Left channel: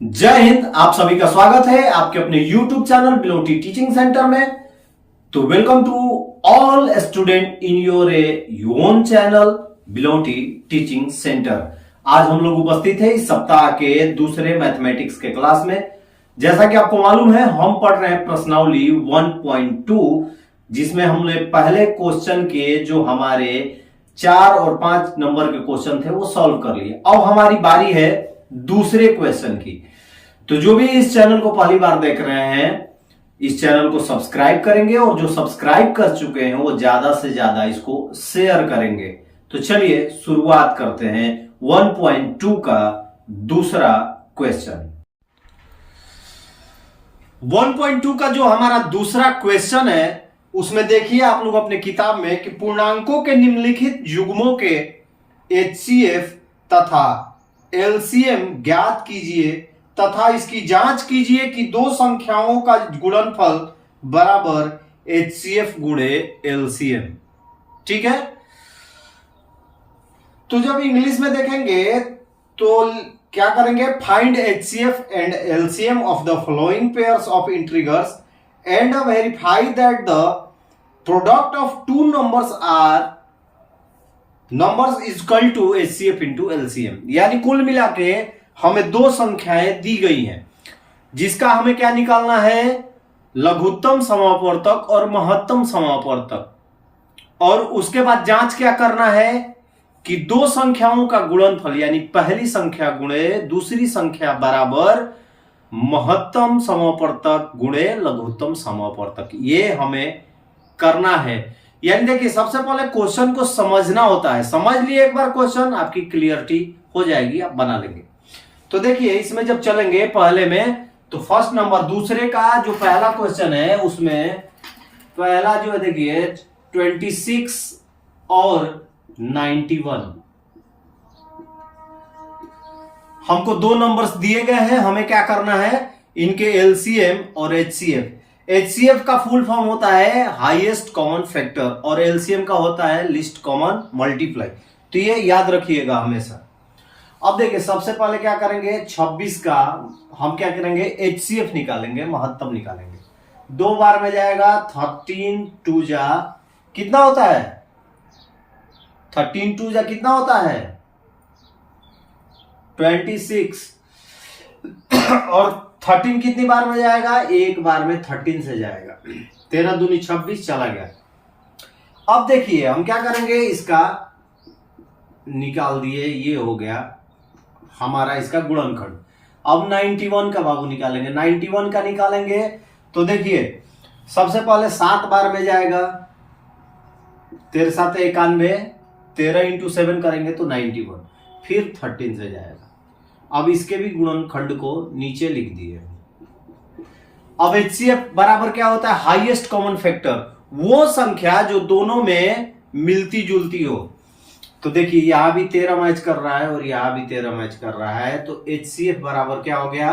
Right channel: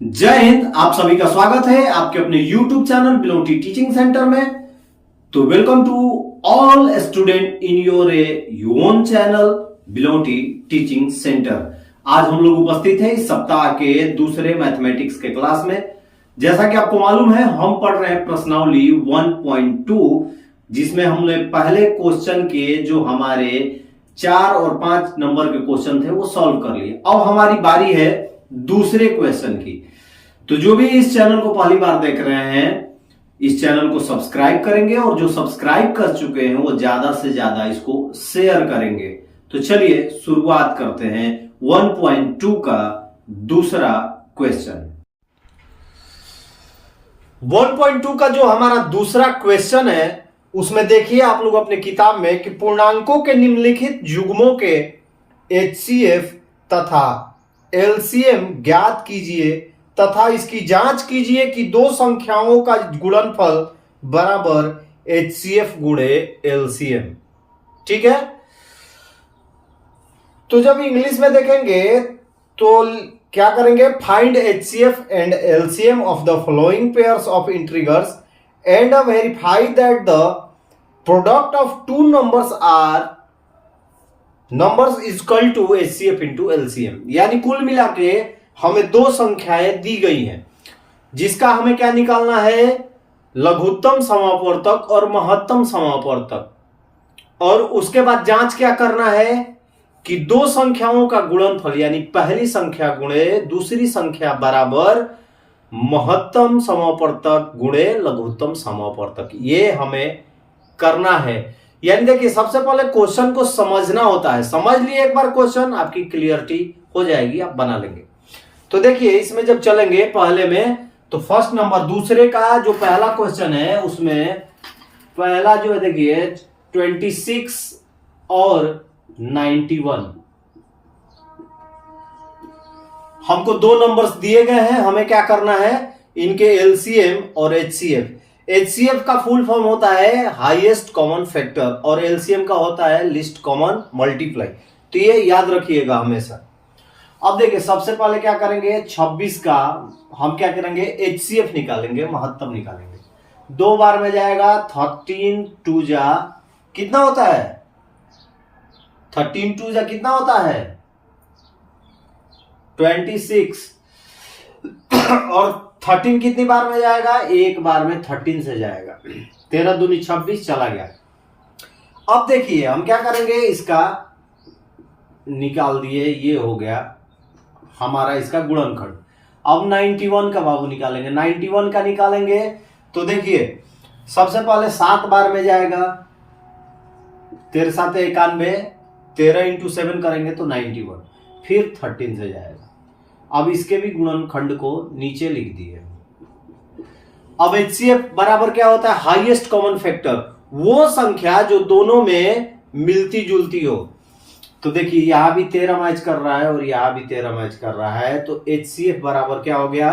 जय हिंद। आप सभी का स्वागत है आपके अपने YouTube channel Biloti teaching centre में। तो welcome to all student in your own channel Biloti teaching centre. आज हम लोग उपस्थित है इस सप्ताह के दूसरे मैथमेटिक्स के क्लास में। जैसा कि आपको मालूम है हम पढ़ रहे हैं प्रश्नावली 1.2, जिसमें हमने पहले क्वेश्चन के जो हमारे 4 और 5 नंबर के क्वेश्चन थे वो सॉल्व कर लिए। अब हमारी बारी है दूसरे क्वेश्चन की। तो जो भी इस चैनल को पहली बार देख रहे हैं इस चैनल को सब्सक्राइब करेंगे और जो सब्सक्राइब कर चुके हैं वो ज्यादा से ज्यादा इसको शेयर करेंगे। तो चलिए शुरुआत करते हैं 1.2 का दूसरा क्वेश्चन। 1.2 का जो हमारा दूसरा क्वेश्चन है उसमें देखिए आप लोग अपने किताब में कि पूर्णांकों के निम्नलिखित युग्मों के HCF तथा LCM ज्ञात कीजिए तथा इसकी जांच कीजिए कि दो संख्याओं का गुणनफल बराबर HCF गुणे LCM। ठीक है, तो जब इंग्लिश में देखेंगे तो क्या करेंगे, find HCF and LCM of the following pairs of integers and verify that the product of two numbers is equal to HCF into LCM। यानी कुल मिला के हमें दो संख्याएं दी गई हैं जिसका हमें क्या निकालना है, लघुत्तम समापवर्तक और महत्तम समापवर्तक। और उसके बाद जांच क्या करना है कि दो संख्याओं का गुणनफल यानी पहली संख्या गुणे दूसरी संख्या बराबर महत्तम समापवर्तक गुणे लघुत्तम समापवर्तक, ये हमें करना है। यानी देखिए सबसे पहले क्वेश्चन को समझना होता है। समझ लिए एक बार क्वेश्चन, आपकी क्लियरिटी हो जाएगी, आप बना लेंगे। तो देखिए इसमें जब चलेंगे पहले में तो फर्स्ट नंबर दूसरे का जो पहला क्वेश्चन है उसमें पहला जो है देखिए 26 और 91। हमको दो नंबर्स दिए गए हैं, हमें क्या करना है, इनके LCM और HCF। HCF का फुल फॉर्म होता है हाईएस्ट कॉमन फैक्टर और LCM का होता है लीस्ट कॉमन मल्टीप्लाई। तो ये याद रखिएगा हमेशा। अब देखिए सबसे पहले क्या करेंगे, 26 का हम क्या करेंगे, HCF निकालेंगे, महत्तम निकालेंगे। दो बार में जाएगा, 13 2 जा कितना होता है, 13 2 जा कितना होता है 26। और 13 कितनी बार में जाएगा, एक बार में 13 से जाएगा, 13 दूनी 26 चला गया। अब देखिए हम क्या करेंगे, इसका निकाल दिए, ये हो गया हमारा इसका गुणनखंड। अब 91 का बाबू निकालेंगे, 91 का निकालेंगे तो देखिए सबसे पहले 7 बार में जाएगा, 13 7 91, 13 इंटू 7 करेंगे तो 91, फिर 13 से जाएगा। अब इसके भी गुणनखंड को नीचे लिख दिए। अब HCF बराबर क्या होता है, हाईएस्ट कॉमन फैक्टर, वो संख्या जो दोनों में मिलती जुलती हो। तो देखिए यहां भी 13 मैच कर रहा है और यहां भी 13 मैच कर रहा है, तो HCF बराबर क्या हो गया,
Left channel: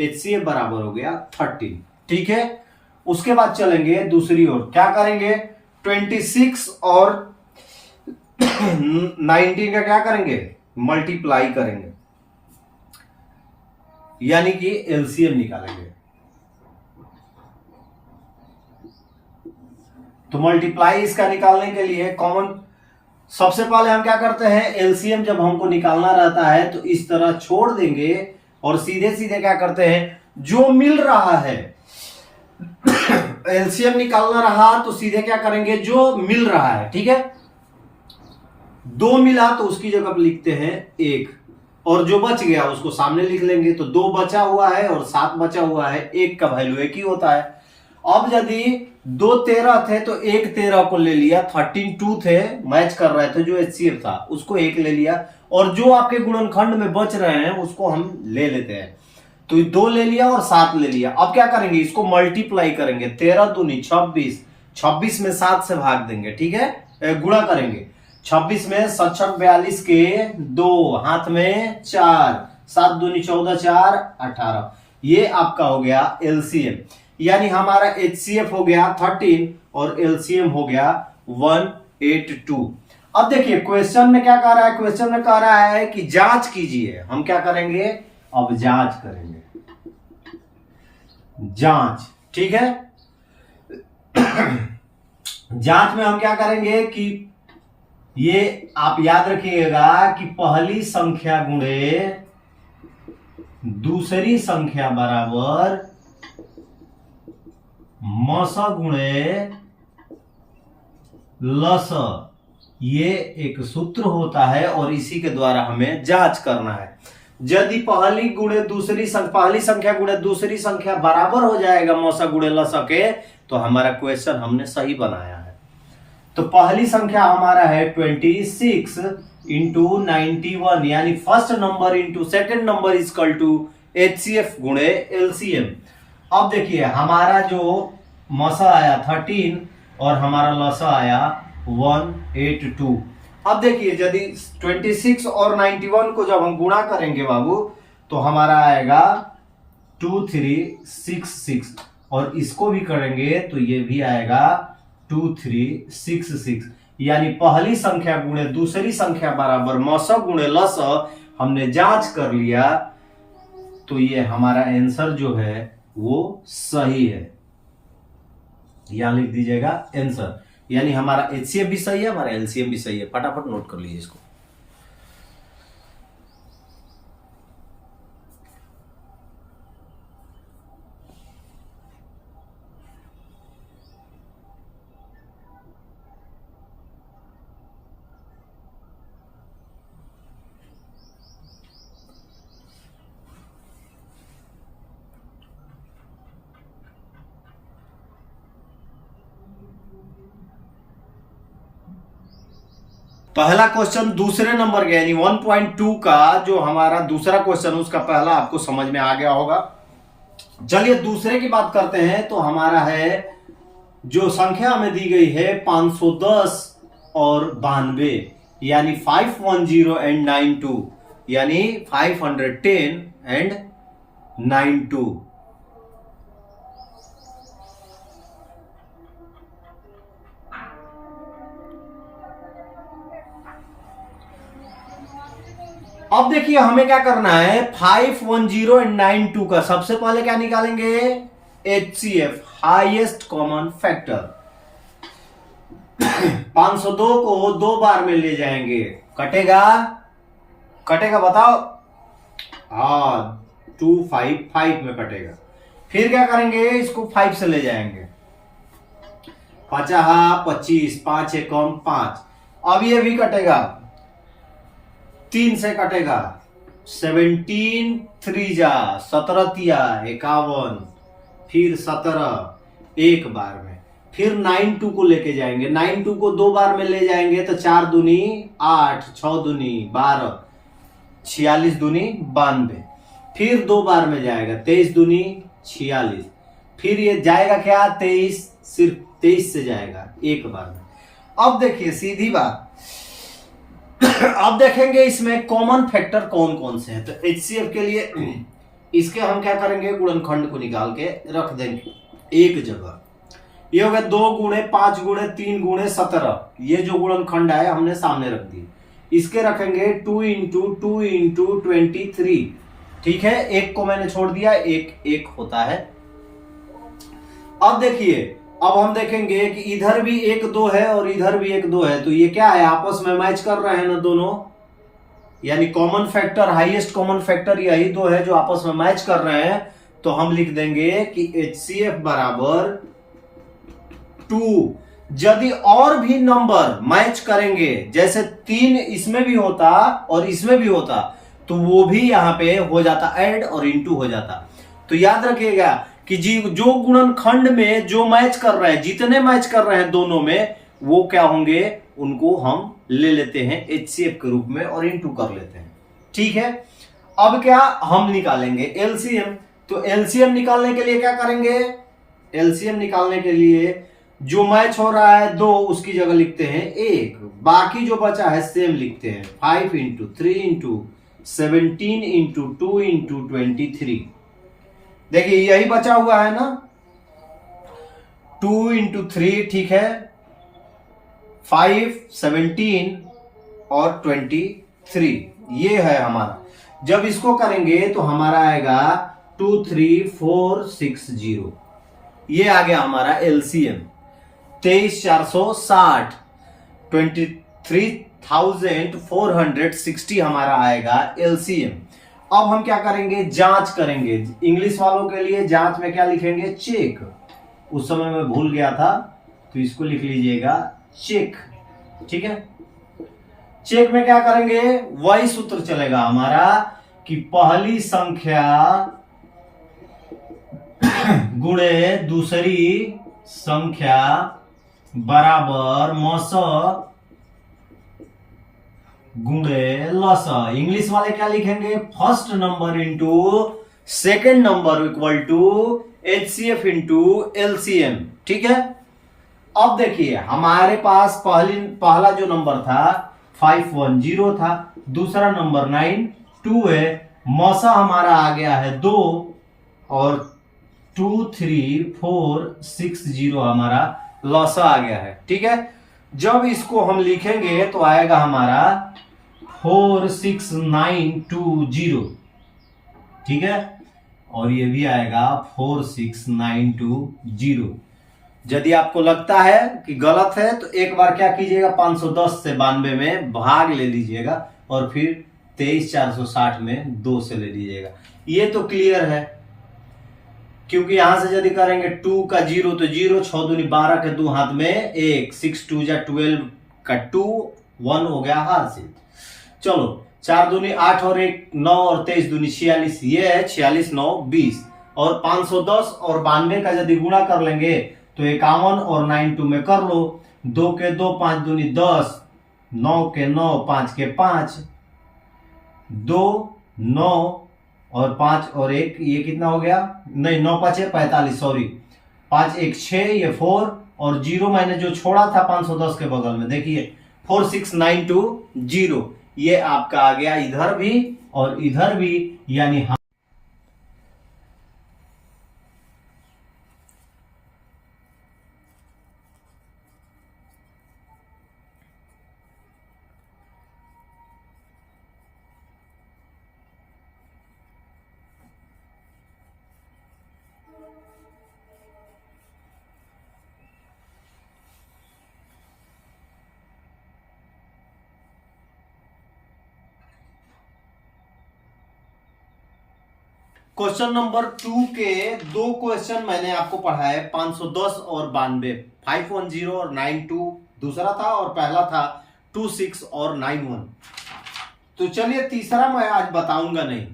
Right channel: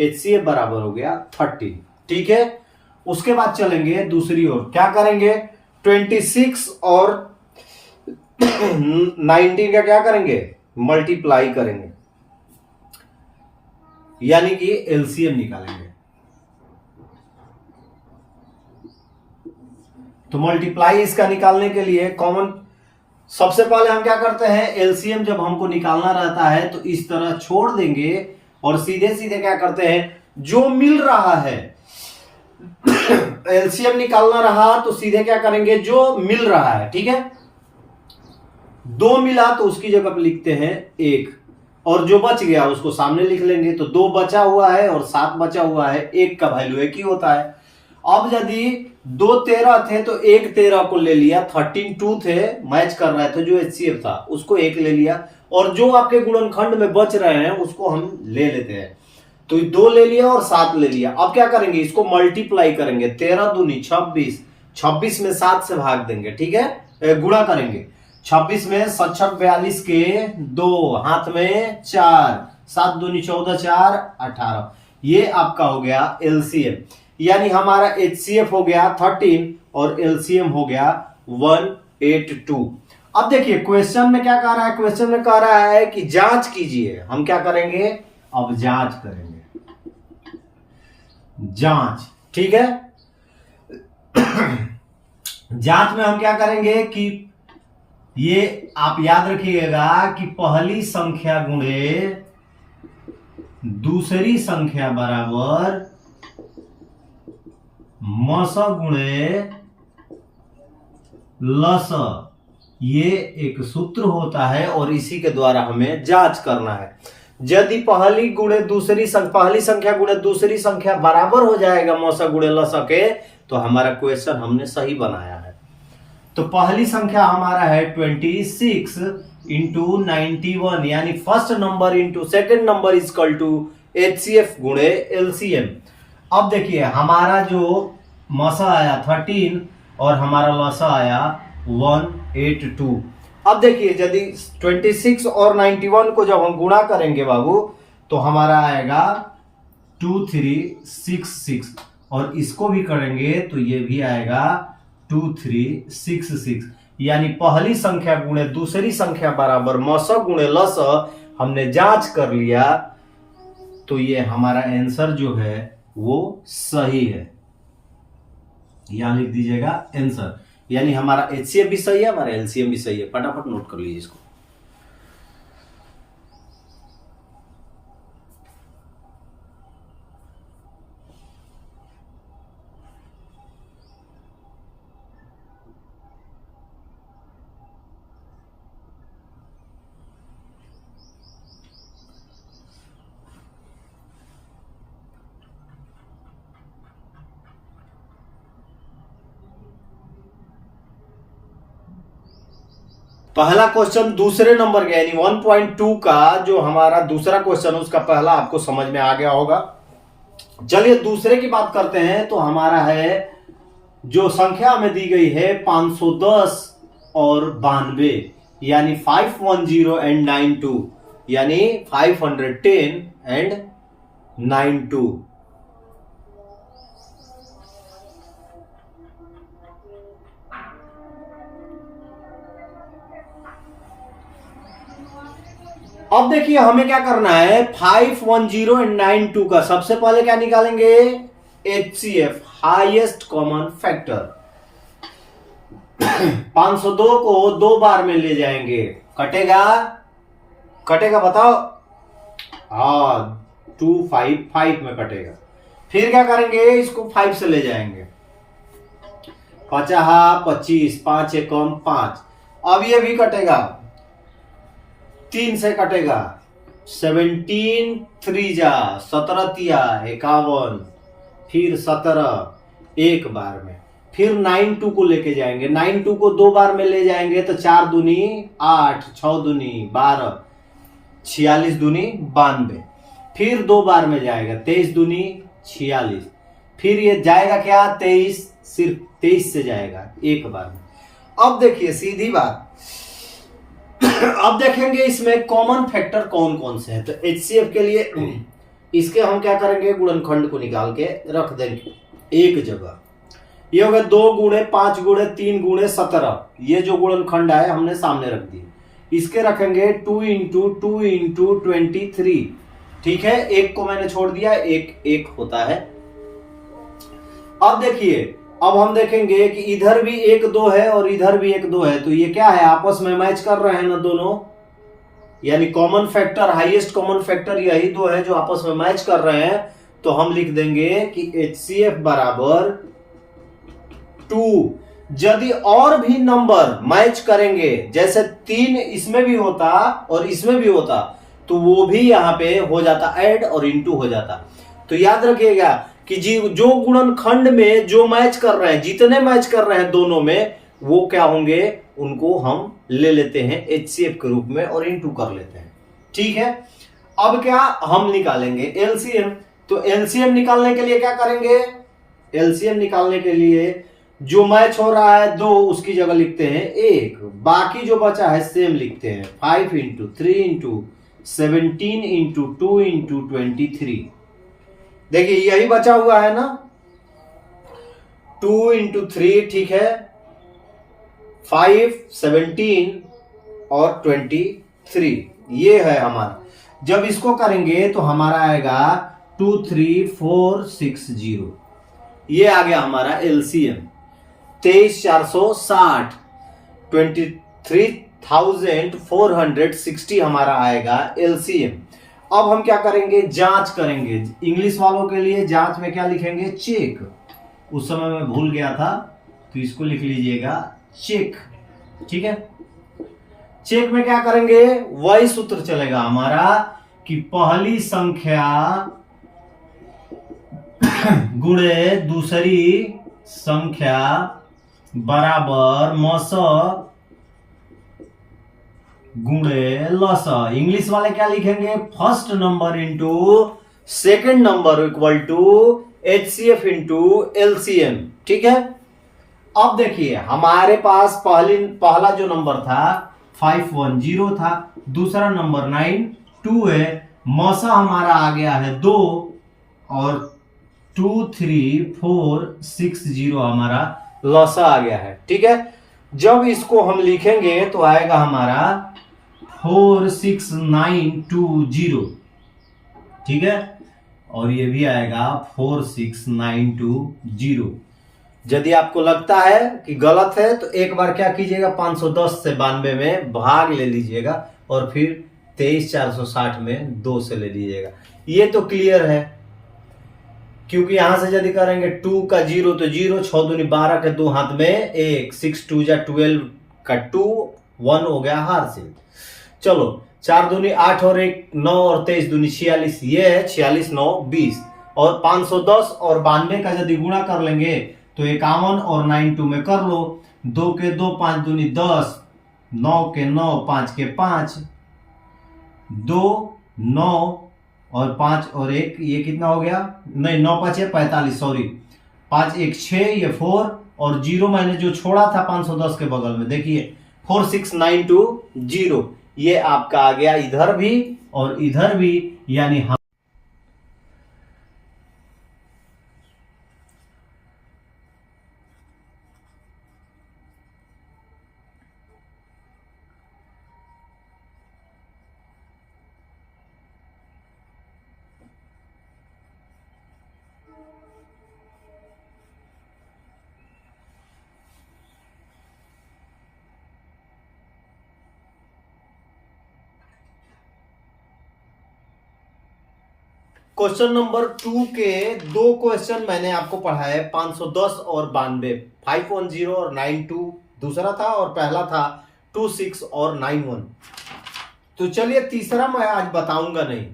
HCF बराबर हो गया 13। ठीक है, उसके बाद चलेंगे दूसरी ओर, क्या करेंगे, 26 और 19 का क्या करेंगे, मल्टीप्लाई करेंगे, यानी कि LCM निकालेंगे। तो मल्टीप्लाई इसका निकालने के लिए कॉमन सबसे पहले हम क्या करते हैं, LCM जब हमको निकालना रहता है तो इस तरह छोड़ देंगे और सीधे सीधे क्या करते हैं, जो मिल रहा है LCM निकालना रहा तो सीधे क्या करेंगे, जो मिल रहा है। ठीक है, 2 मिला तो उसकी जगह पर लिखते हैं 1 और जो बच गया उसको सामने लिख लेंगे। तो 2 बचा हुआ है और 7 बचा हुआ है, 1 का वैल्यू 1 ही होता है। अब यदि 2 13 थे तो 1 13 को ले लिया, 13 2 थे मैच कर रहे थे, जो HCF था उसको 1 ले लिया और जो आपके गुणनखंड में बच रहे हैं उसको हम ले लेते हैं। तो 2 ले लिया और 7 ले लिया। अब क्या करेंगे, इसको मल्टीप्लाई करेंगे, 13 दूनी 26, 26 में 7 से भाग देंगे। ठीक है, गुणा करेंगे, 26 में 7 42 के 2, हाथ में 4, 7 दूनी 14 4 18, ये आपका हो गया LCM। यानी हमारा HCF हो गया 13 और LCM हो गया 182। अब देखिए क्वेश्चन में क्या कह रहा है, क्वेश्चन में कह रहा है कि जांच कीजिए। हम क्या करेंगे, अब जांच करेंगे, जांच, ठीक है। जांच में हम क्या करेंगे कि ये आप याद रखिएगा कि पहली संख्या गुणे दूसरी संख्या बराबर मस गुणे लस, ये एक सूत्र होता है और इसी के द्वारा हमें जांच करना है। यदि पहली संख्या गुणे दूसरी संख्या बराबर हो जाएगा मौसा गुणे लसा के, तो हमारा क्वेश्चन हमने सही बनाया है। तो पहली संख्या हमारा है 26 इंटू 91, यानी first number into second number is equal to HCF गुणे LCM। अब देखिए हमारा जो मौसा आया 13 और हमारा लसा आया 182। अब देखिए यदि 26 और 91 को जब हम गुणा करेंगे बाबू, तो हमारा आएगा 2366, और इसको भी करेंगे तो ये भी आएगा 2366, यानी पहली संख्या गुणे दूसरी संख्या बराबर मस गुणे लस हमने जांच कर लिया, तो ये हमारा आंसर जो है वो सही है। यहां लिख दीजिएगा आंसर, यानी हमारा HCF भी सही है, हमारा LCM भी सही है। फटाफट नोट कर लीजिए इसको। पहला क्वेश्चन दूसरे नंबर का यानी 1.2 का जो हमारा दूसरा क्वेश्चन उसका पहला आपको समझ में आ गया होगा। चलिए दूसरे की बात करते हैं। तो हमारा है जो संख्या हमें दी गई है 510 और 92, यानी 510 एंड 92, यानी 510 एंड 92। अब देखिए हमें क्या करना है, 510 एंड 92 का सबसे पहले क्या निकालेंगे, HCF हाईएस्ट कॉमन फैक्टर। 502 को 2 बार में ले जाएंगे, कटेगा बताओ, हाँ 255 में कटेगा। फिर क्या करेंगे, इसको 5 से ले जाएंगे, 50 25, 5 एकम 5। अब ये भी कटेगा, 3 से कटेगा, 17 3 जा 17 तिया 51, फिर 17 एक बार में। फिर 92 को लेके जाएंगे, 92 को 2 बार में ले जाएंगे तो 4 दूनी 8, 6 दूनी 12, 46 दूनी 92। फिर 2 बार में जाएगा, 23 दूनी 46। फिर ये जाएगा क्या, 23, सिर्फ 23 से जाएगा एक बार में। अब देखिए सीधी बात, अब देखेंगे इसमें कॉमन फैक्टर कौन कौन से हैं। तो HCF के लिए इसके हम क्या करेंगे, गुणनखंड को निकाल के रख देंगे एक जगह। ये हो गया 2 गुणे 5 गुणे 3 गुणे 17, ये जो गुणनखंड है हमने सामने रख दी। इसके रखेंगे 2 इंटू 2 इंटू 23, ठीक है। एक को मैंने छोड़ दिया, एक होता है। अब देखिए, अब हम देखेंगे कि इधर भी 1 2 है और इधर भी 1 2 है, तो ये क्या है, आपस में मैच कर रहे हैं ना दोनों, यानी common factor, highest common factor यही 2 है जो आपस में मैच कर रहे हैं। तो हम लिख देंगे कि HCF बराबर 2। यदि और भी नंबर मैच करेंगे, जैसे 3 इसमें भी होता और इसमें भी होता, तो वो भी यहां पे हो जाता ऐड और इनटू हो जाता। तो याद रखिएगा कि जो गुणनखंड में जो मैच कर रहे हैं, जितने मैच कर रहे हैं दोनों में, वो क्या होंगे, उनको हम ले लेते हैं HCF के रूप में और इनटू कर लेते हैं, ठीक है। अब क्या हम निकालेंगे LCM। तो LCM निकालने के लिए क्या करेंगे, LCM निकालने के लिए जो मैच हो रहा है 2, उसकी जगह लिखते हैं 1, बाकी जो बचा है सेम लिखते हैं 5 इंटू 3 इंटू 17 इंटू 2 इंटू 23। देखिए यही बचा हुआ है ना, 2 इंटू 3, ठीक है, 5 17 और 23, ये है हमारा। जब इसको करेंगे तो हमारा आएगा 23460, ये आ गया हमारा एलसीएम 23460, 23,460 हमारा आएगा एलसीएम। अब हम क्या करेंगे, जांच करेंगे। इंग्लिश वालों के लिए जांच में क्या लिखेंगे, चेक। उस समय मैं भूल गया था तो इसको लिख लीजिएगा चेक, ठीक है। चेक में क्या करेंगे, वही सूत्र चलेगा हमारा कि पहली संख्या गुणे दूसरी संख्या बराबर मस गुणे लस। इंग्लिश वाले क्या लिखेंगे, first number into second number equal to HCF into LCM, ठीक है। अब देखिए हमारे पास पहला जो नंबर था 510 था, दूसरा नंबर 92 है, मौसा हमारा आ गया है 2 और 23460 हमारा लौसा आ गया है, ठीक है। जब इसको हम लिखेंगे तो आएगा हमारा 46920, ठीक है, और ये भी आएगा 46920। यदि आपको लगता है कि गलत है तो एक बार क्या कीजिएगा, 510 से 92 में भाग ले लीजिएगा और फिर 23460 में 2 से ले लीजिएगा। ये तो क्लियर है, क्योंकि यहां से यदि करेंगे 2 का 0 तो 0, 6 दूनी 12 के 2 हाथ में 1, 6 2 जा 12 का 2, 1 हो गया हार से। चलो 4 दूनी 8 और 1 9 और 23 दूनी 46, ये है 46 9 20, और 510 और 92 का यदि गुणा कर लेंगे तो 51 और 92 में कर लो, 2 के 2 5 दूनी 10, 9 के 9 5 के 5, 2 9 और 5 और 1 ये कितना हो गया, नहीं 9 5 45, सॉरी 5 1 6, ये 4 और 0 मैंने जो छोड़ा था 510 के बगल में, देखिए 46920, ये आपका आ गया इधर भी और इधर भी, यानी क्वेश्चन नंबर 2 के 2 क्वेश्चन मैंने आपको पढ़ाए, 510 और 92, 510 और 92 दूसरा था और पहला था 26 और 91। तो चलिए तीसरा मैं आज बताऊंगा नहीं,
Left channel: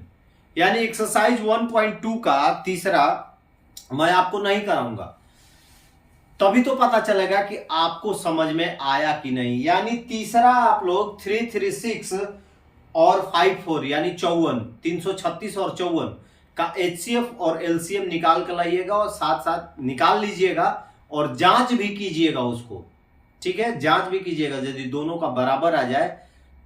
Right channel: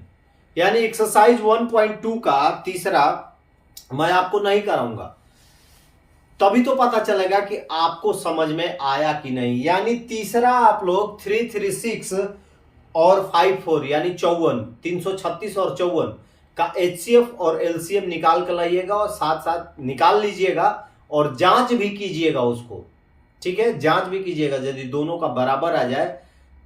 यानी एक्सरसाइज 1.2 का तीसरा मैं आपको नहीं कराऊंगा, तभी तो पता चलेगा कि आपको समझ में आया कि नहीं। यानी तीसरा आप लोग 336 और 54 यानी 54, 336 और 54 का एचसीएफ और एलसीएम निकाल कर लाइएगा और साथ साथ निकाल लीजिएगा और जांच भी कीजिएगा उसको, ठीक है, जांच भी कीजिएगा। यदि दोनों का बराबर आ जाए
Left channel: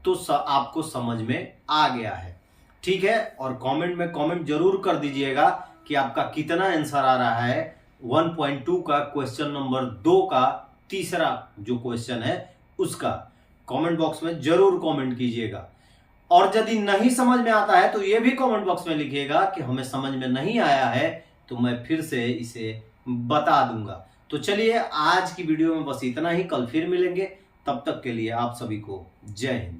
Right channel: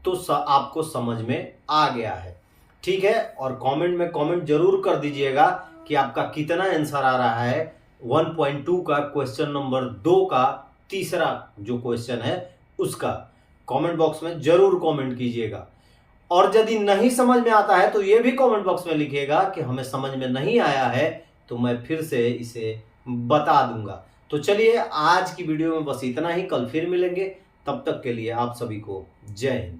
तो आपको समझ में आ गया है, ठीक है। और कमेंट में कमेंट जरूर कर दीजिएगा कि आपका कितना आंसर आ रहा है 1.2 का क्वेश्चन नंबर 2 का तीसरा जो क्वेश्चन है उसका। कमेंट बॉक्स में जरूर कमेंट कीजिएगा, और यदि नहीं समझ में आता है तो ये भी कमेंट बॉक्स में लिखिएगा कि हमें समझ में नहीं आया है, तो मैं फिर से इसे बता दूंगा। तो चलिए आज की वीडियो में बस इतना ही, कल फिर मिलेंगे, तब तक के लिए आप सभी को जय हिंद।